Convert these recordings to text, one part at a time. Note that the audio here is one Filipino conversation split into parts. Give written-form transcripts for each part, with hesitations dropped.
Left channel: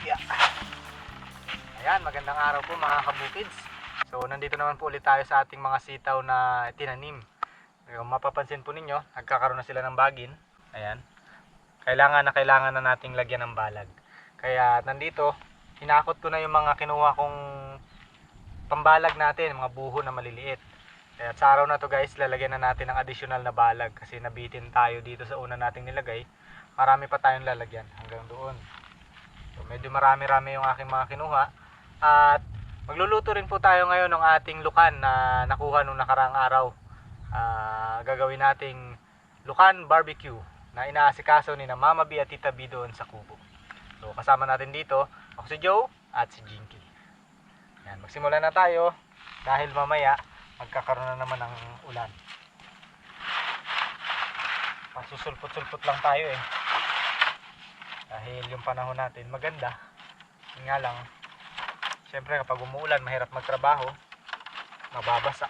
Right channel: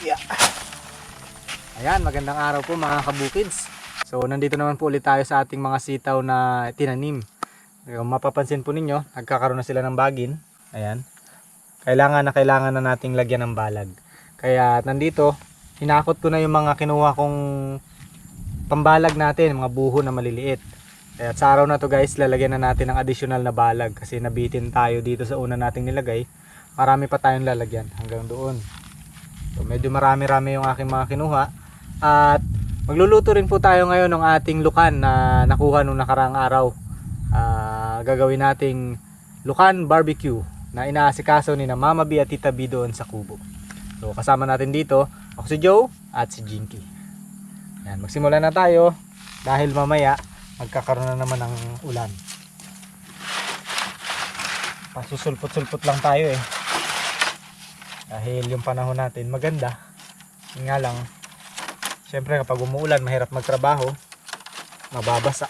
Yeah. Ayan, magandang araw po mga kabukids. So nandito naman po ulit tayo sa ating mga sitaw na tinanim. Kung mapapansin po ninyo, nagkakaroon na sila ng bagin. Ayan. Kailangan na nating lagyan ng balag. Kaya nandito, hinakot ko na yung mga kinuha kong pambalag natin, mga buho na maliliit. Kaya sa araw na to guys, lalagyan na natin ng additional na balag kasi nabitin tayo dito sa una nating nilagay. Marami pa tayong lalagyan hanggang doon. So medyo marami-rami yung aking mga kinuha. At magluluto rin po tayo ngayon ng ating lukan na nakuha nung nakaraang araw. Gagawin nating lukan barbecue na inaasikaso ni na Mama B at Tita B doon sa kubo. So kasama natin dito, ako si Joe at si Jinky. Ayan, magsimula na tayo dahil mamaya magkakaroon na naman ng ulan. Pasusulpot-sulpot lang tayo eh. Dahil yung panahon natin maganda. Yun nga lang, syempre kapag umuulan mahirap magtrabaho, mababasa.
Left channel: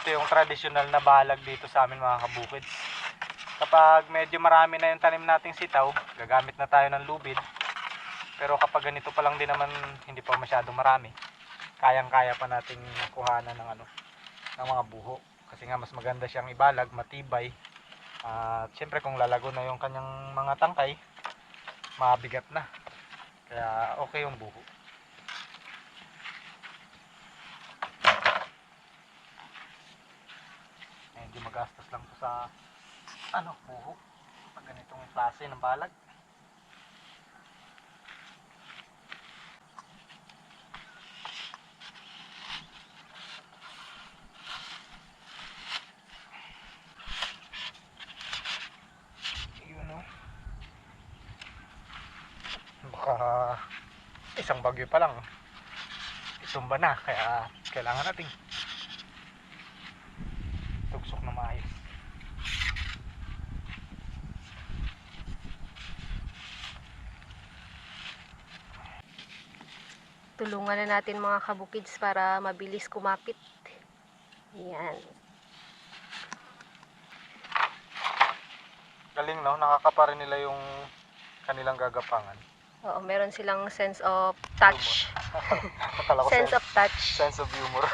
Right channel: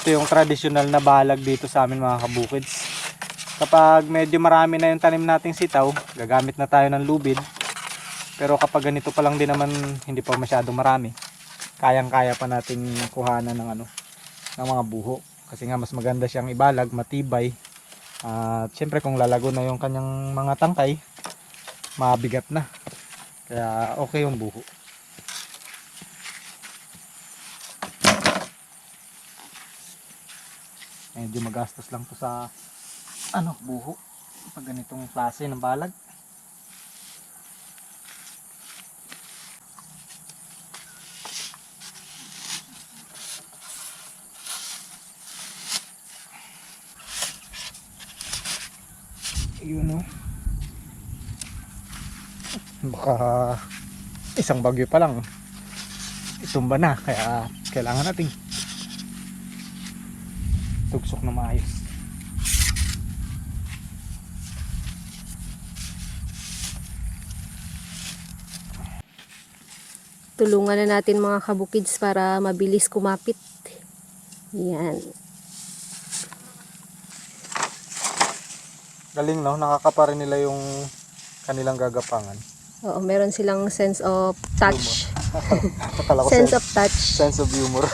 Ito yung traditional na balag dito sa amin mga kabukids. Kapag medyo marami na yung tanim nating sitaw, gagamit na tayo ng lubid. Pero kapag ganito pa lang din naman, hindi pa masyadong marami, kayang-kaya pa nating kuhanan ng ng mga buho. Kasi nga mas maganda siyang ibalag, matibay. At syempre kung lalago na yung kanyang mga tangkay, mabigat na. Kaya okay yung buho. Medyo magastos lang to sa buho pag ganitong klase ng balag. Yun baka isang bagyo pa lang itumba na, kaya kailangan nating tugsok na maayos. Tulungan na natin mga kabukids para mabilis kumapit. Yan. Galing no, nakakapa rin nila yung kanilang gagapangan. Oo, meron silang sense of touch. Akala ko Sense of touch. sense of humor.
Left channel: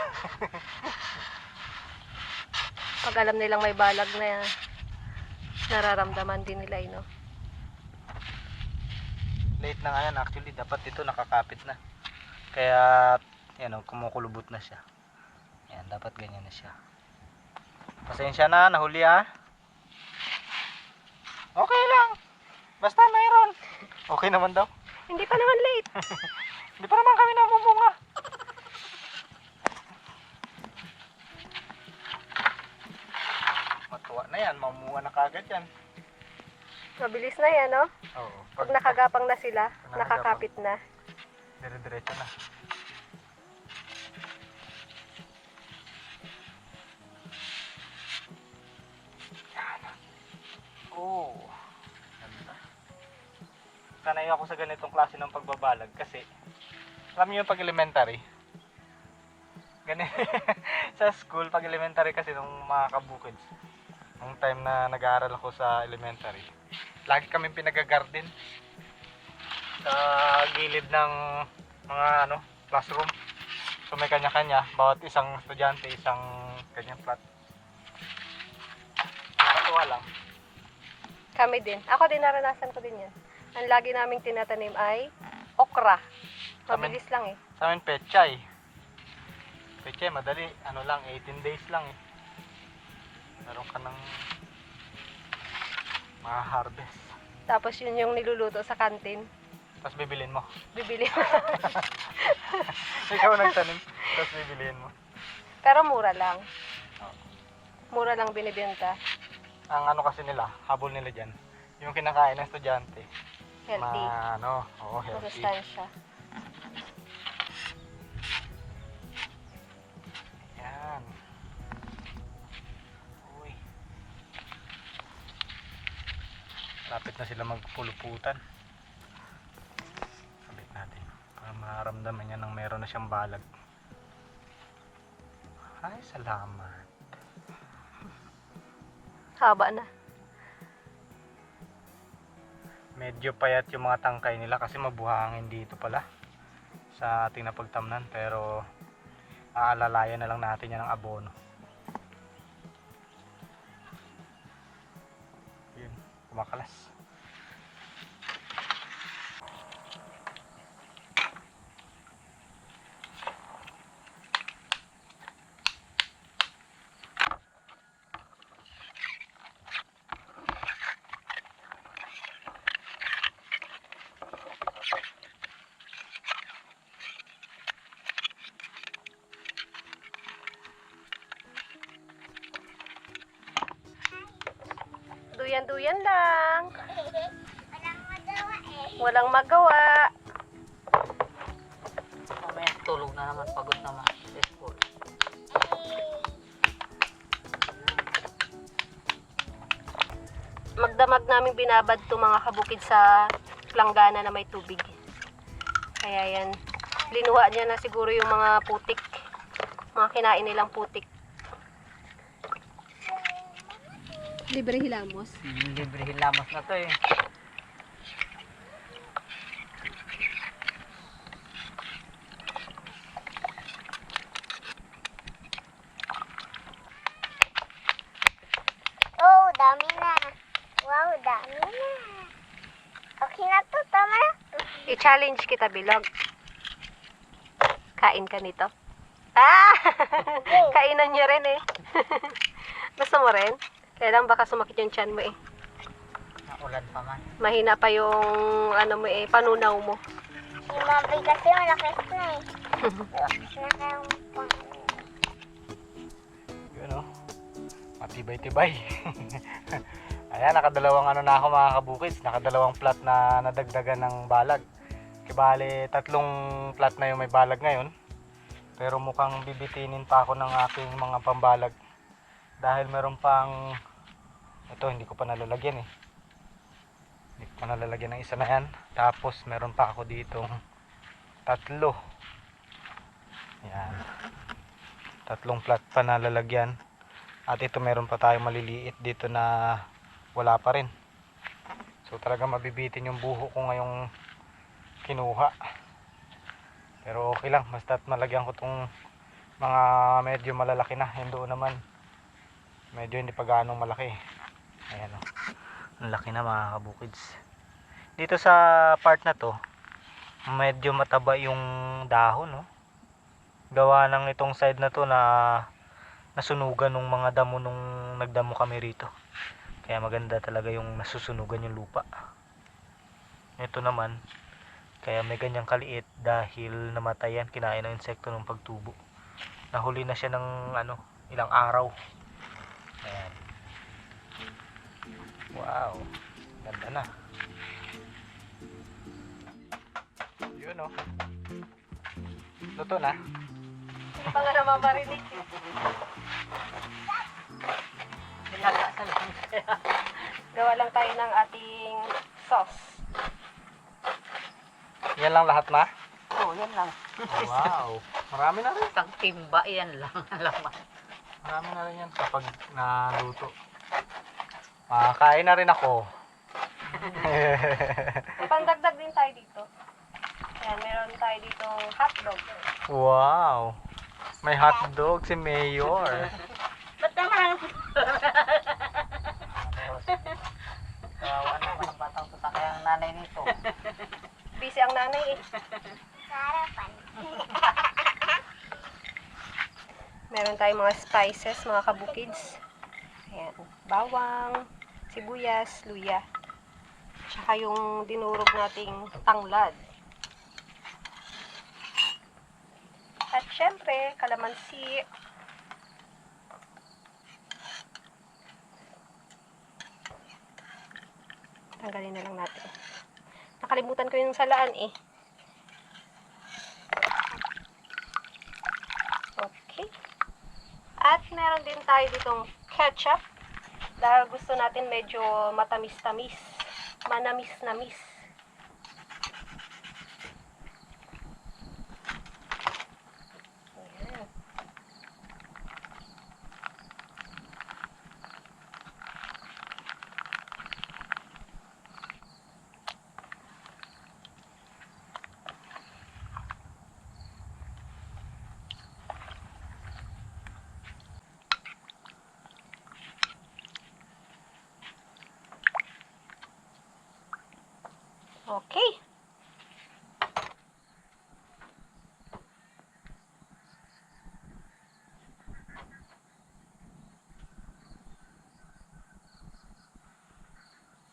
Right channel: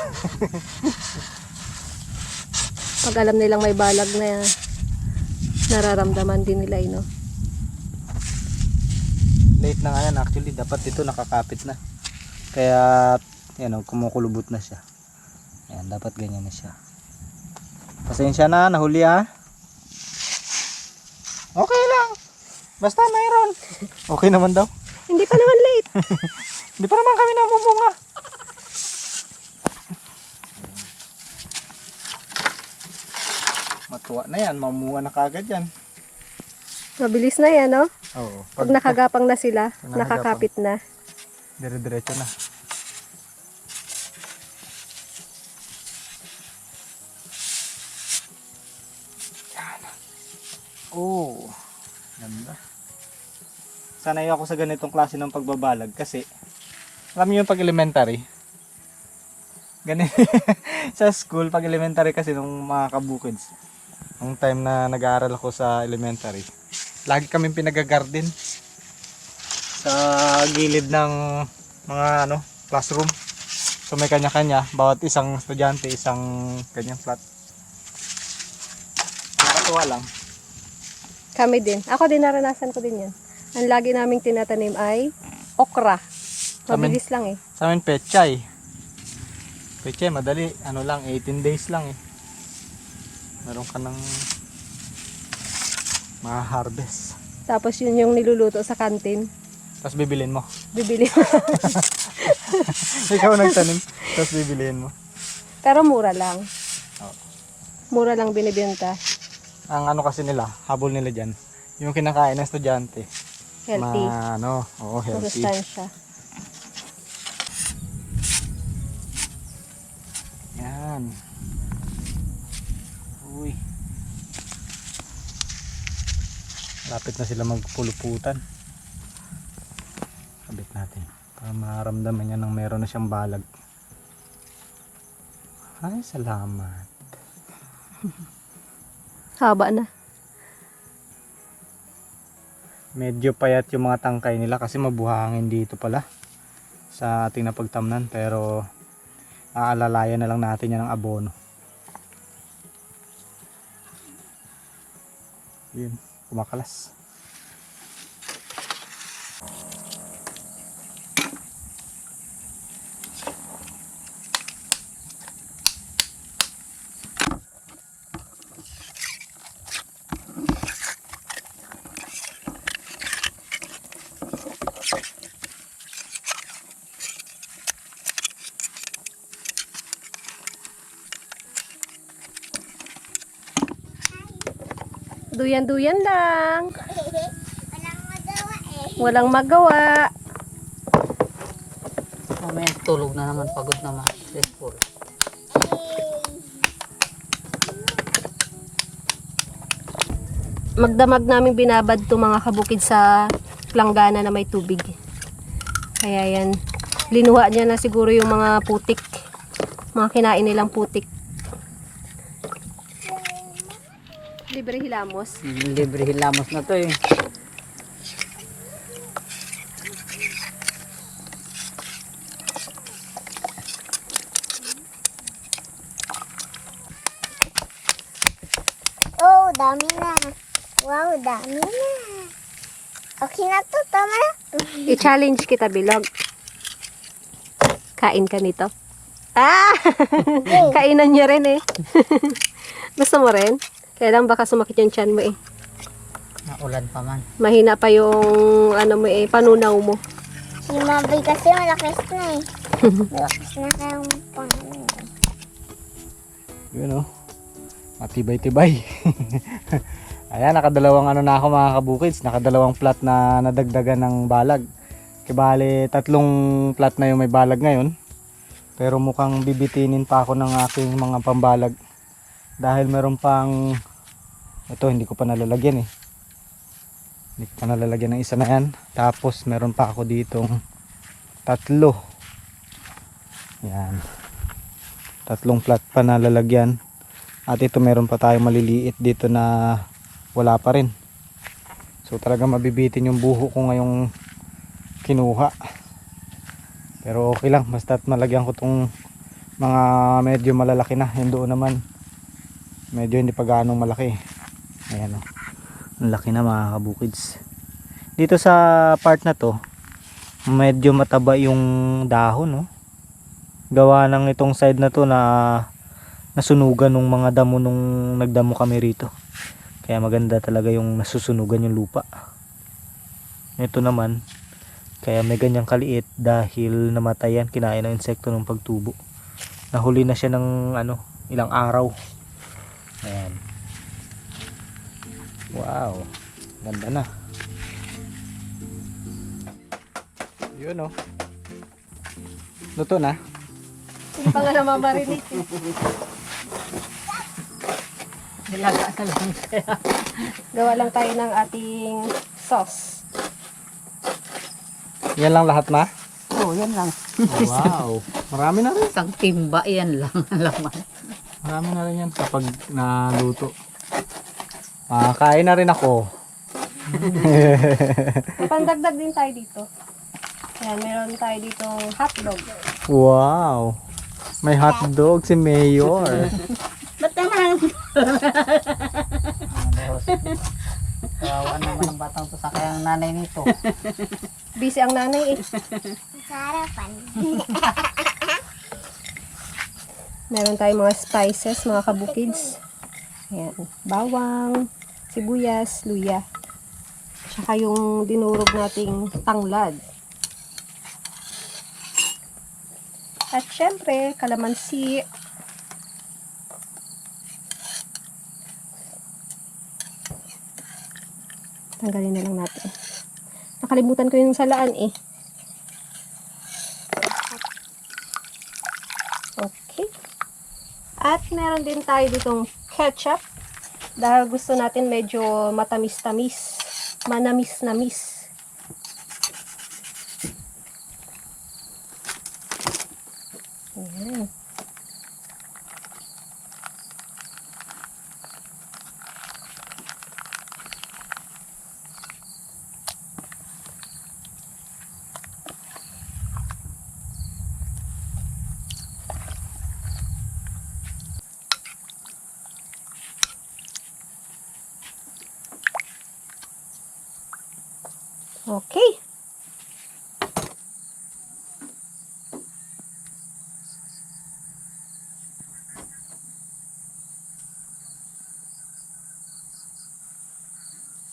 Pag alam nilang may balag na nararamdaman din nila, no? Late na nga yan actually, dapat ito nakakapit na. Kaya yan kumukulubot na siya. Ayan, dapat ganyan na siya. Pasensya na, nahuli ha. Okay lang. Basta mayroon. Okay naman daw. Hindi pa naman late. Hindi pa naman kami namumunga. Matuwa na yan, mamuha na kagad yan. Mabilis na yan, no? Oo. Pag nakagapang na sila, nakagapang, nakakapit na. dire-diretso na. Oh, ganda. Sanay ako sa ganitong klase ng pagbabalag kasi alam niyo yung pag elementary, ganito sa school pag elementary kasi nung mga kabukids, nung time na nag-aaral ako sa elementary, lagi kaming pinag-garden sa gilid ng mga classroom. So may kanya-kanya, bawat isang estudyante isang kanyang flat. Nakatuwa lang. Kami din. Ako din, naranasan ko din yan. Ang lagi naming tinatanim ay okra. Mabilis lang eh. Sa amin pechay. Pechay madali, 18 days lang eh. Meron ka ng ma-harvest. Tapos yun yung niluluto sa kantin. Tapos bibilin mo. Bibili. Ikaw nagtanim, tapos bibilin mo. Pero mura lang. Oh. Mura lang binibenta. Ang kasi nila, habol nila dyan, yung kinakain ng estudyante. Healthy. Healthy. Masustansya. Yan. Uy. Lapit na sila magpuluputan. Sabit natin para maramdaman niya nang meron na siyang balag. Ay, salamat. Haba na. Medyo payat yung mga tangkay nila kasi mabuhangin dito pala sa ating napagtamnan, pero aalalayan na lang natin yan ng abono. Yun, kumakalas. Duyan-duyan lang. Walang magawa eh. Walang magawa. Mamaya tulog na naman, pagod naman. Restful. Magdamag namin binabad to mga kabukid sa langgana na may tubig. Kaya yan, linuha niya na siguro yung mga putik. Mga kinain nilang putik. Libre hilamos. Libre hilamos na to eh. Oh, dami na. Wow, dami na. Okay na to, tama na. I-challenge kita, Bilog. Kain ka nito. Ah! Kainan niya rin eh. Gusto mo rin? Kaya lang baka sumakit yung tiyan mo eh. Naulan pa man. Mahina pa yung ano mo eh, panunaw mo. Si Mabay kasi malakas na eh. Malakas na kayong panginoon. Yun o. Matibay-tibay. Ayan, nakadalawang ano na ako mga kabukids. Nakadalawang plat na nadagdagan ng balag. Kibali, 3 plat na yung may balag ngayon. Pero mukhang bibitinin pa ako ng aking mga pambalag. Dahil meron pang, ito hindi ko pa nalalagyan eh. Hindi ko pa nalalagyan ng isa na yan. Tapos meron pa ako ditong 3. Yan. 3 plat pa na lalagyan. At ito meron pa tayong maliliit dito na wala pa rin. So talaga mabibitin yung buho ko ngayong kinuha. Pero okay lang, basta't malagyan ko tong mga medyo malalaki na. Yung doon naman medyo hindi pa gaanong malaki. Ayan o. Ang laki na mga kabukids. Dito sa part na to, medyo mataba yung dahon, no? Gawa ng itong side na to na nasunugan ng mga damo nung nagdamo kami rito. Kaya maganda talaga yung nasusunugan yung lupa. Ito naman, kaya may ganyang kaliit dahil namatayan, kinain ng insekto ng pagtubo. Nahuli na siya ng ano, ilang araw. Ayan. Wow, ganda na. Yun o. Luto na. Hindi pa nga namamarinig eh. Nilaga na lang siya. Gawa lang tayo ng ating sauce. Yan lang lahat na? Oo, yan lang. Wow, marami na rin. Isang timba, yan lang ang laman. Marami na rin yan kapag naluto. Kain na rin ako. May pandagdag din tayo dito. Ayan, meron tayo dito hotdog. Wow, may hotdog si Mayor. Ba't naman? Kawawa naman ang batang to sa kayang nanay nito. Busy ang nanay eh. Sa harapan. Meron tayong mga spices, mga kabukids. Ayan, bawang, sibuyas, luya. Tsaka yung dinurog nating tanglad. At syempre, kalamansi. Tanggalin na lang natin. Nakalimutan ko yung salaan eh. Okay. At meron din tayo ditong ketchup. Dahil gusto natin medyo matamis-tamis. Manamis-namis. Ayan. Okay.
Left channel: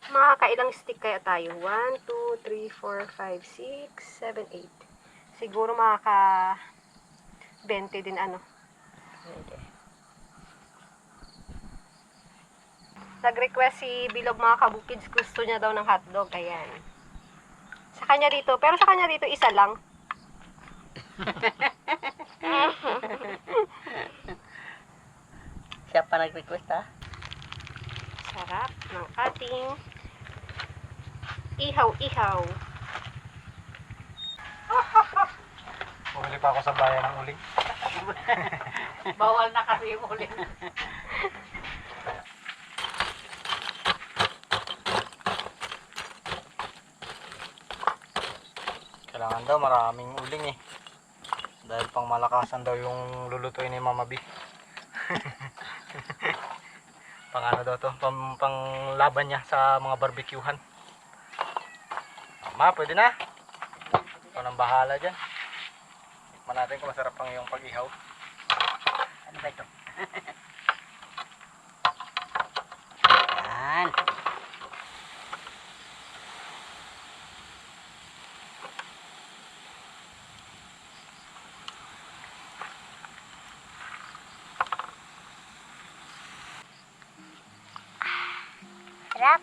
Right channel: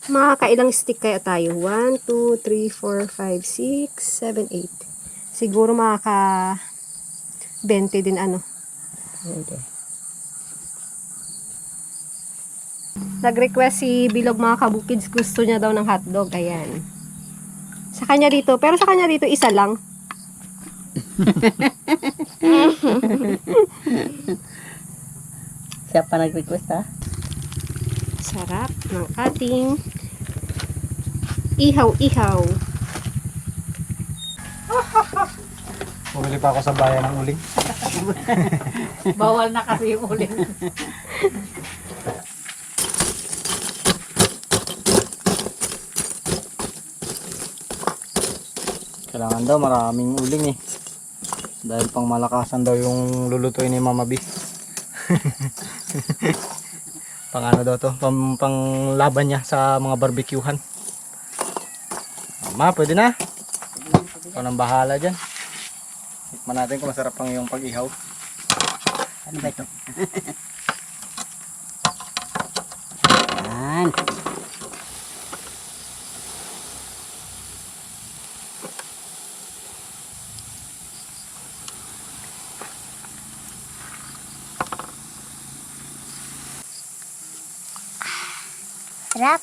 Makakailang stick kaya tayo? 1, 2, 3, 4, 5, 6, 7, 8. Siguro makaka 20 din ano. Pwede. Nag-request si Bilog mga kabukids, gusto niya daw ng hotdog. Ayan. Sa kanya dito, pero sa kanya dito isa lang. Siya pa nag-request ha? Sarap ng ating ihaw-ihaw. Bumili pa ako sa bayan ng uling. Bawal na kasi yung uling. Kailangan daw maraming uling eh. Dahil pang malakasan daw yung lulutuin ni Mama B. Pang ano daw to, pang laban niya sa mga barbecuehan. Ma, pwede na. Ikaw nang bahala dyan. Tikman natin kung masarap pang yung pag-ihaw. Ano ba ito? Yan. Sarap.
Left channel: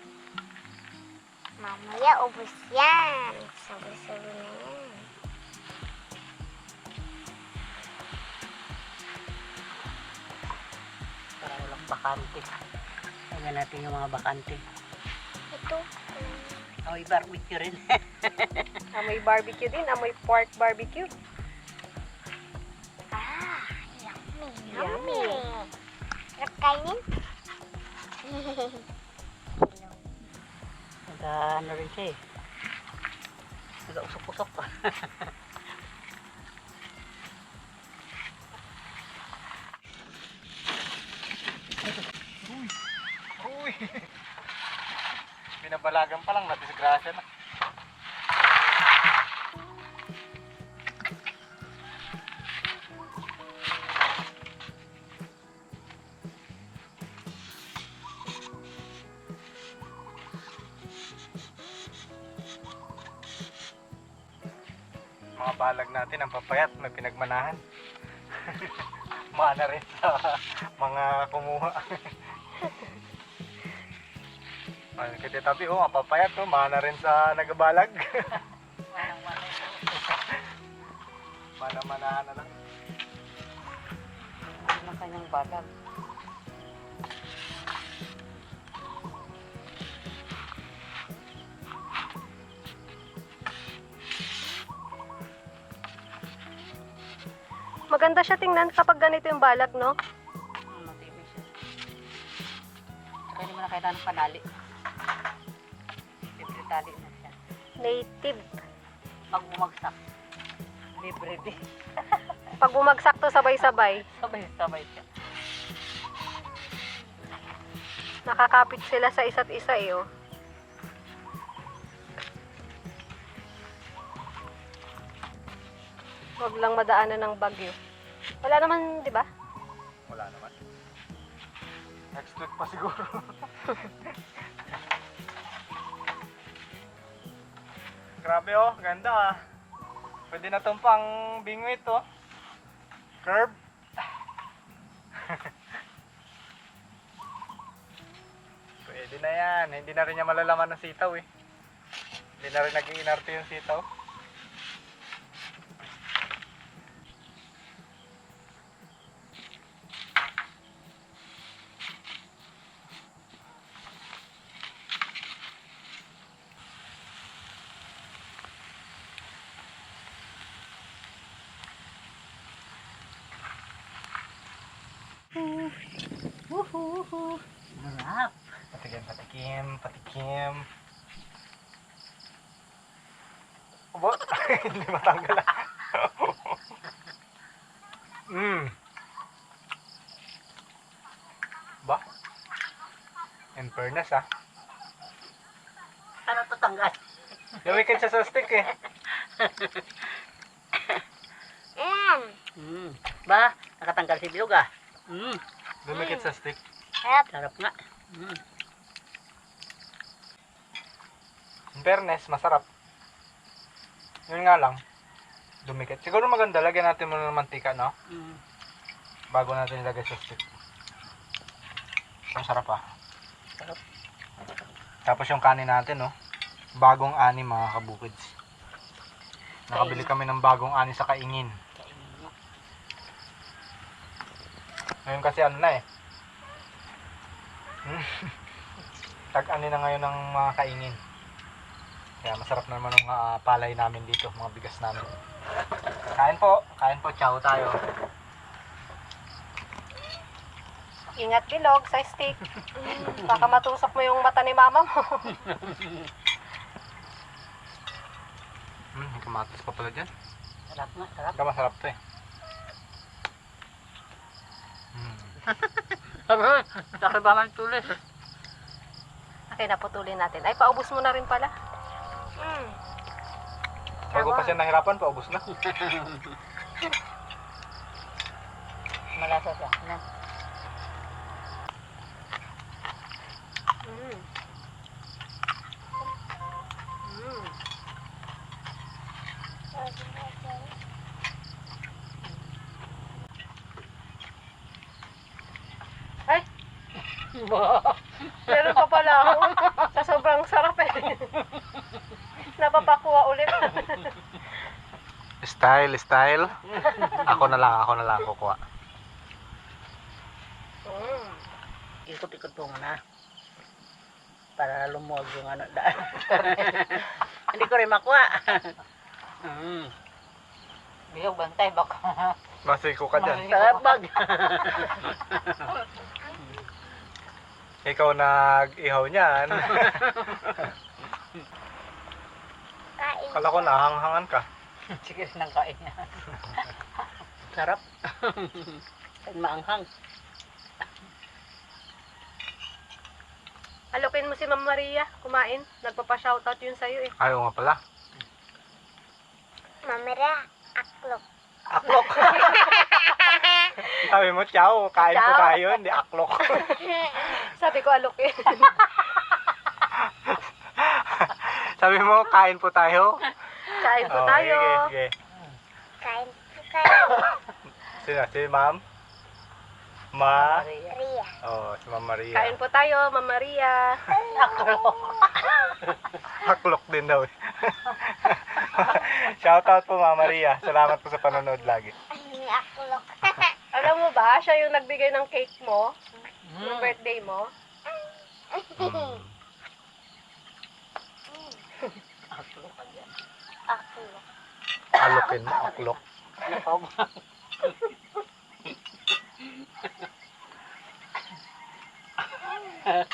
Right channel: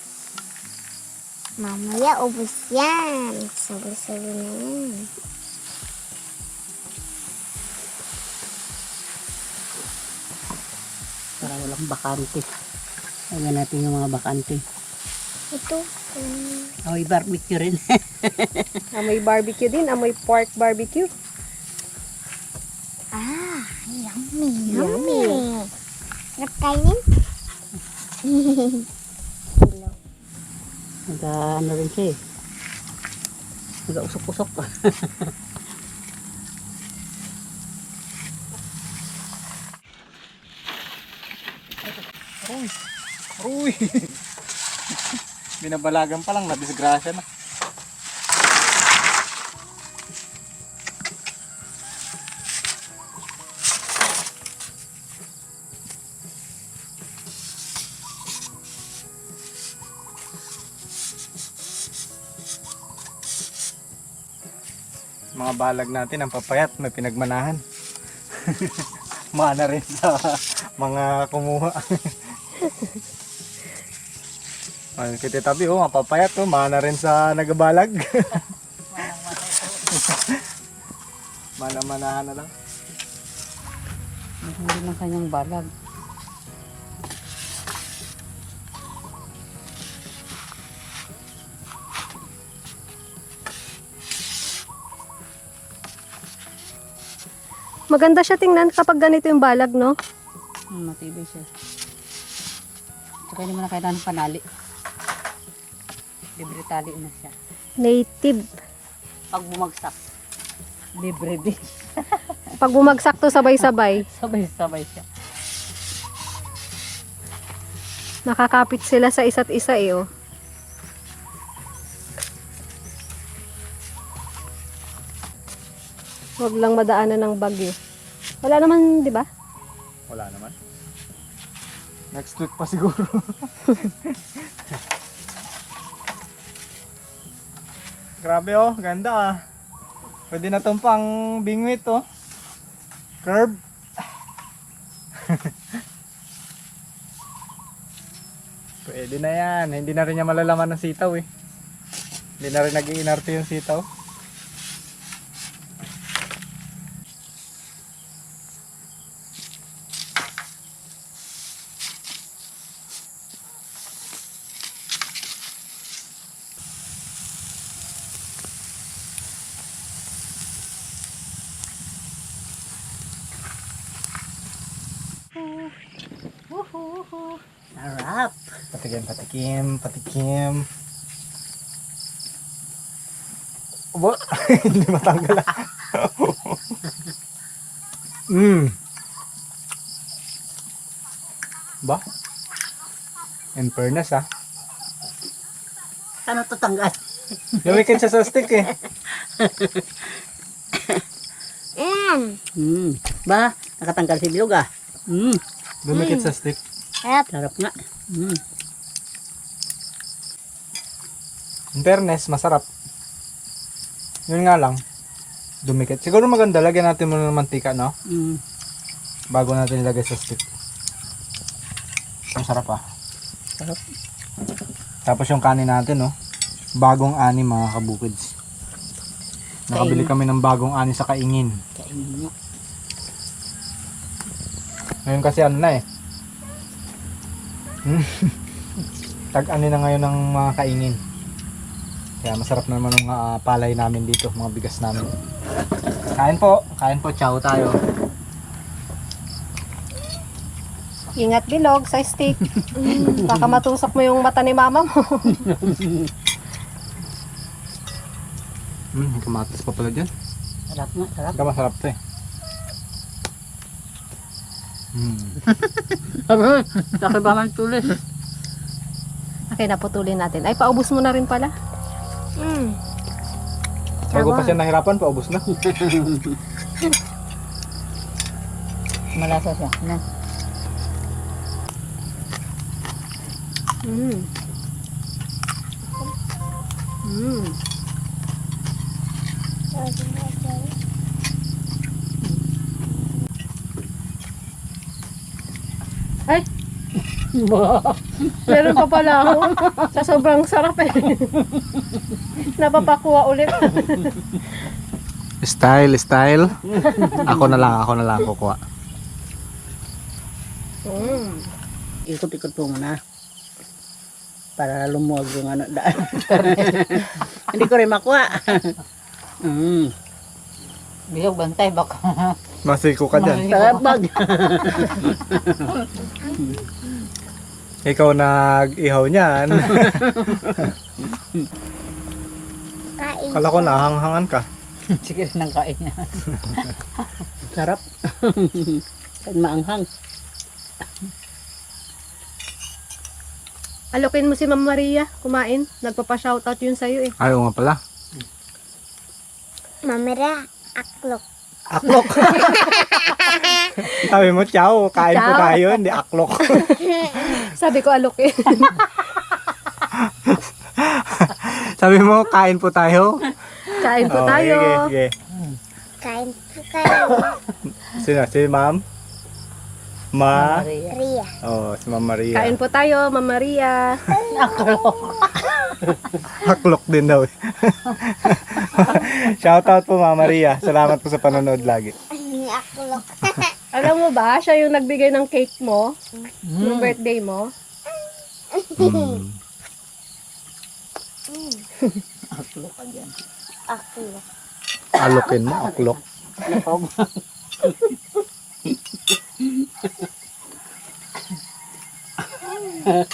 Mamaya ubos yan. Sabi-sabi na yan. Para walang bakante. Tingnan natin yung mga bakante. Ito. Amoy barbecue rin. Amoy barbecue din, amoy pork barbecue. Ah, yummy. Yummy. Sarap kainin. Ano rin siya eh. Nag-usok-usok. Uy! Binabalagan pa lang, nadisgrasya na. Mga balag natin ang papayat, may pinagmanahan. Mana rin sa mga kumuha. Ay, kititabi oh, mapapayat oh, mana rin sa nagabalag. Mana-manahan na lang. Hindi ng kanyang balag. Maganda siya tingnan kapag ganito yung balag, no? Matibay siya. Tsaka hindi mo na kailangan ng panali. Libre tali na siya. Native. Pag bumagsak, libre din. Pag bumagsak to sabay-sabay, Sabay-sabay siya. nakakapit sila sa isa't isa eh, oh. Huwag lang madaanan ng bagyo. Wala naman, di ba? Wala naman. Next week pa siguro. Grabe oh, ganda ah. Pwede na tong pang bingwit oh. Curve. Pwede na yan. Hindi na rin niya malalaman ng sitaw eh. Hindi na rin nag-iinarte yung sitaw. Again, patikim. Aba, hindi matanggal. Ba? In fairness Ano to tanggal? Lumikit siya sa stick eh. Ba, nakatanggal si bilog ah. Lumikit sa stick. Sarap nga. In fairness, masarap. Yun nga lang, dumikit. Siguro maganda, lagyan natin muna ng mantika, no? Bago natin ilagay sa stick. Ang sarap Sarap. Tapos yung kanin natin, no? Bagong ani mga kabukids. Nakabili kami ng bagong ani sa Kaingin. Kainin mo. Ngayon kasi ano na eh. Tag-ani na ngayon ng mga Kaingin. Kaya masarap na naman ang palay namin dito, mga bigas namin. Kain po, chow tayo. Ingat bilog sa stick. Baka matusok mo yung mata ni mama mo. Kamatis pa pala dyan. Sarap nga, sarap. Ito masarap to eh. Sarap ba man tulis? Okay, naputulin natin. Ay, paubos mo na rin pala. Bago pa siya nahirapan, paubos na. Malasa siya. Na. Ay! Meron pa pala ako. Sa sobrang sarap eh. Napapakuha ulit. Style. Ako na lang kukuha. Ikot-ikot po muna. Para lumuwag yung ano daan. Hindi ko rin makuha. Biyog bantay baka. Masiko ka dyan. Sarap bag. Ikaw nag-ihaw niyan. Kain. Kala ko nahanghangan ka. Sige rin ang kain niya. Sarap. Kahit maanghang. Alokin mo si Ma'am Maria kumain. Nagpapa-shoutout yun sa'yo eh. Ayaw nga pala. Mamira, aklok. Aklok. Sabi mo, chow, kain po Chow. tayo, hindi aklok. Sabi ko alokin. Sabi mo, kain po tayo. Kain po Oh, tayo. sige. Kain po kayo. Sino? Si Ma'am? Maria. Ria. Oh, si Ma'am Maria. Kain po tayo, Ma'am Maria. Aklok din daw. Shoutout po Ma'am Maria. Salamat po sa panonood lagi. Aklok. Alam mo ba, siya yung nagbigay ng cake mo, ng birthday mo. Aklok ka dyan. Aklok. Alokin mo, aklok. Nakog.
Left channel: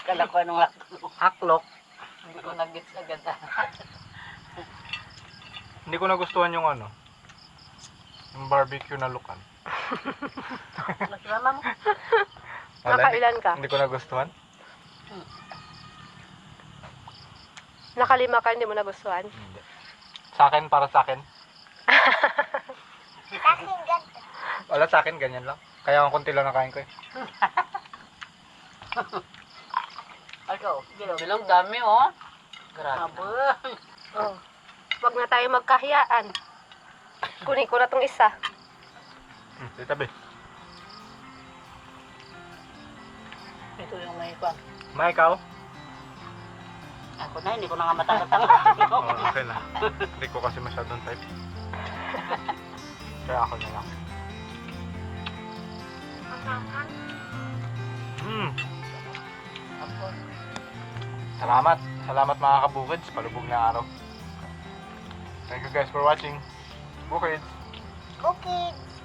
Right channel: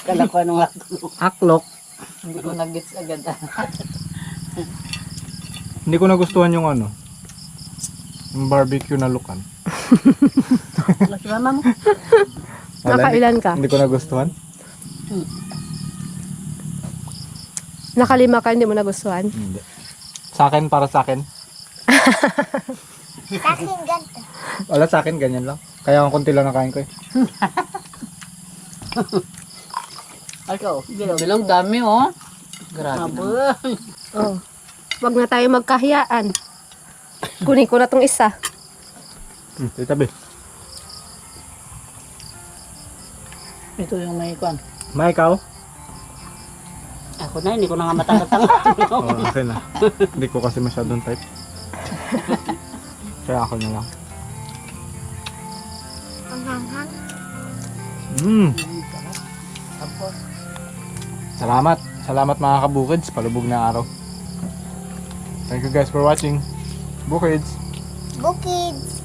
Kala ko anong aklok. Aklok. Hindi ko nag-gets agad. Hindi ko nagustuhan yung ano. Yung barbecue na lukan. Mas mama mo. Nakailan ka? Hindi ko nagustuhan. Nakalima ka, hindi mo nagustuhan. Hindi. Sa akin, para sa akin. Sa akin ganito. Wala sa akin, ganyan lang. Kaya ang konti lang nakain ko eh. Ikaw, bilang dami oh. Grabe. Oh. Wag na tayo magkahiyaan. Kunin ko na tong isa. Titabi. Ito yung may kwan. Ma, ikaw? Ako na, hindi ko na nga matanggal-tanggal. Oo, akin na. Hindi ko kasi masyadong type. Kaya ako na lang. Salamat. Salamat mga kabukids. Palubog na araw. Thank you guys for watching. Bukids. Bukids.